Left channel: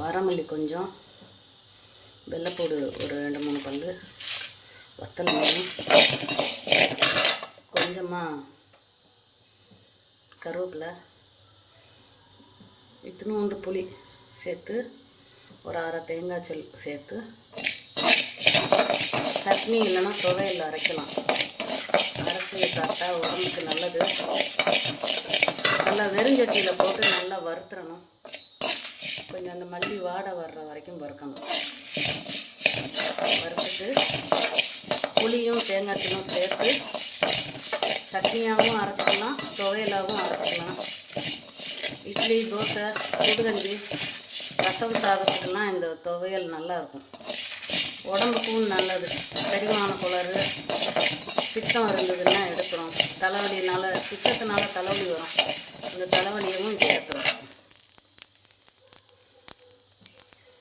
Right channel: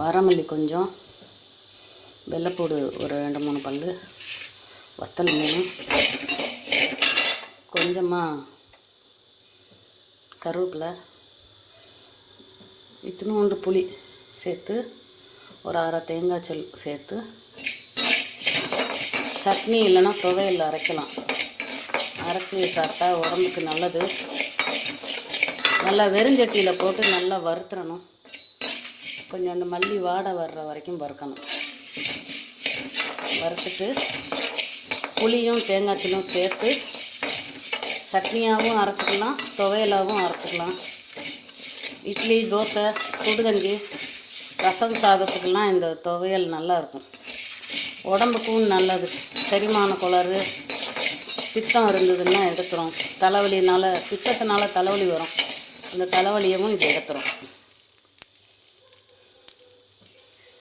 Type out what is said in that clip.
வரமல்லி கொஞ்சம் வெள்ளைப்பூடு ஒரு ரெண்டு மூணு பல் வத்தல் மீன் கொஞ்சமாக கருவேப்பிலை இத்தினூண்டு புளி சேர்த்து ஒரு அரை தேங்காய் சொல் சேர்த்து சட்னி இல்லைன்னா துவையில் அரைக்கலாம். அரைச்சி சாப்பிட்டா உடம்புக்கு நல்லது. நல்லா வெறுஞ்சட்டியில் போட்டு நல்லா வறுத்துறணும். கொஞ்சம் அந்த மல்லி வாடை வர்ற வரைக்கும் வறுக்கணும். வறுத்துட்டு புளியும் தேங்காய் தூளும் சேர்த்து சட்னியாகவும் அரைச்சிக்கலாம் துவையலாகவும் அரைச்சிக்கலாம். இட்லி தோசை சுடுகஞ்சி ரசம் சாதத்துக்கெல்லாம் இந்த துவையல் நல்லாயிருக்கும். உடம்புக்கும் நல்லது. செரிமான கோளாறு பித்தம் இருந்ததுன்னா எடுத்துரும். தலைவலினால பித்தத்தினால தலைவலி வரும். இந்த தலைவலியவும் இது எடுத்துரும்.